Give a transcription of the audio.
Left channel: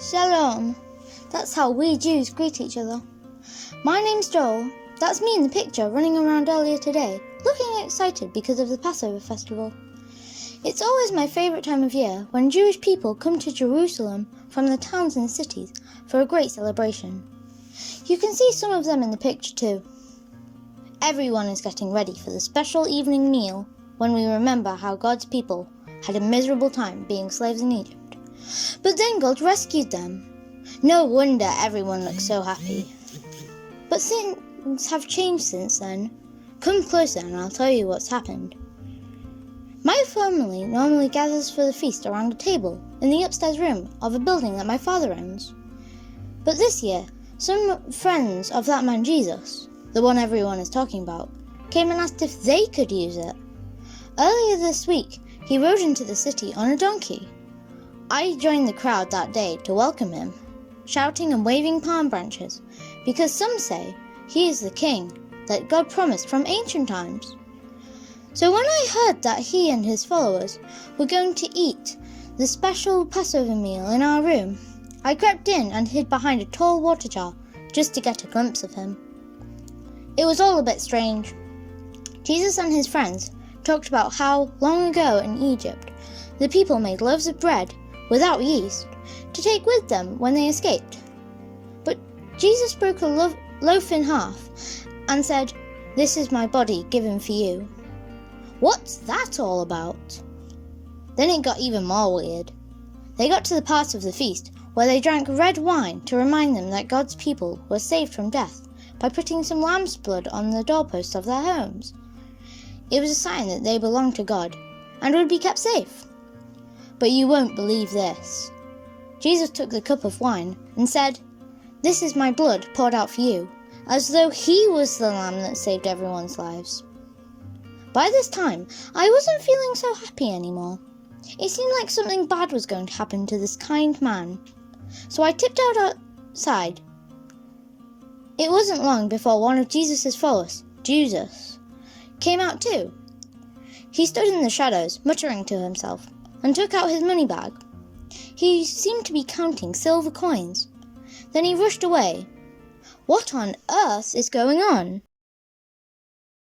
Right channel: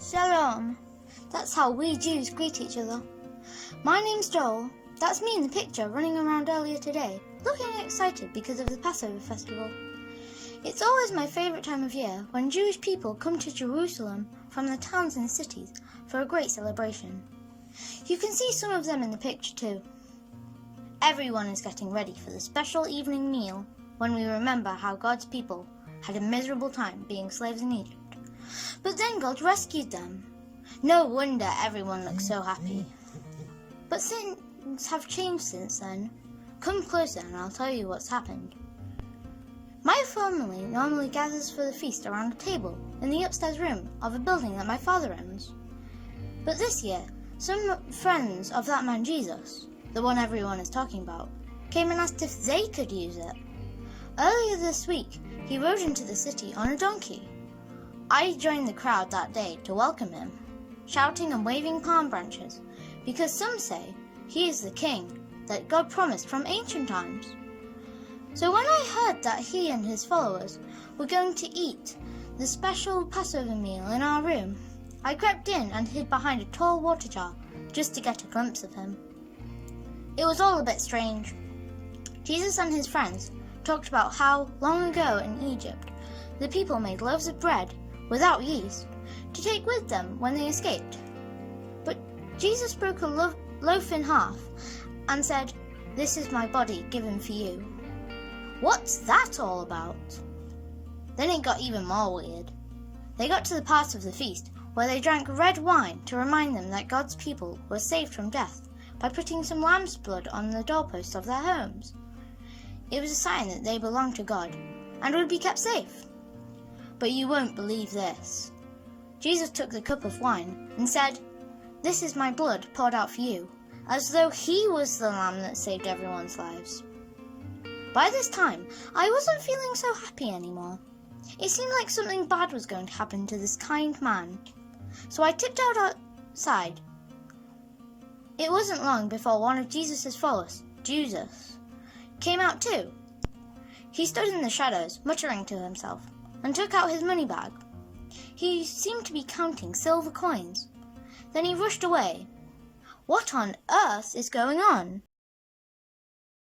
Shalom. That's how we Jews greet each other. My name's Joel. That's me in the picture running around earlier today, looking excited because of the Passover festival. It's always my favourite time of year when Jewish people come to Jerusalem from the towns and cities for a great celebration. You can see some of them in the picture too. Everyone is getting ready for the special evening meal when we remember how God's people had a miserable time being slaves in Egypt. But then God rescued them. No wonder everyone looks so happy. But things have changed since then. Come closer and I'll tell you what's happened. My family normally gathers for the feast around a table in the upstairs room of a building that my father owns. But this year, some friends of that man Jesus, the one everyone is talking about, came and asked if they could use it. Earlier this week, he rode into the city on a donkey. I joined the crowd that day to welcome him, shouting and waving palm branches, because some say he is the king that God promised from ancient times. So when I heard that he and his followers were going to eat the special Passover meal in our room, I crept in and hid behind a tall water jar just to get a glimpse of him. It was all a bit strange. Jesus and his friends talked about how long ago in Egypt the people made loaves of bread without yeast to take with them when they escaped. But Jesus broke a loaf in half and said, "This is my body given for you." What's that all about? Then it got even more weird. They got to the part of the feast where they drank red wine to remind them that God's people were saved from death by putting some lamb's blood on the doorposts of their homes. It was a sign that they belonged to God and would be kept safe. But you won't believe this. Jesus took the cup of wine and said, "This is my blood poured out for you," as though he was the lamb that saved everyone's lives. By this time, I wasn't feeling so happy anymore. It seemed like something bad was going to happen to this kind man. So I tiptoed outside. It wasn't long before one of Jesus' followers, Judas, came out too. He stood in the shadows, muttering to himself, and took out his money bag. He seemed to be counting silver coins. Then he rushed away. What on earth is going on?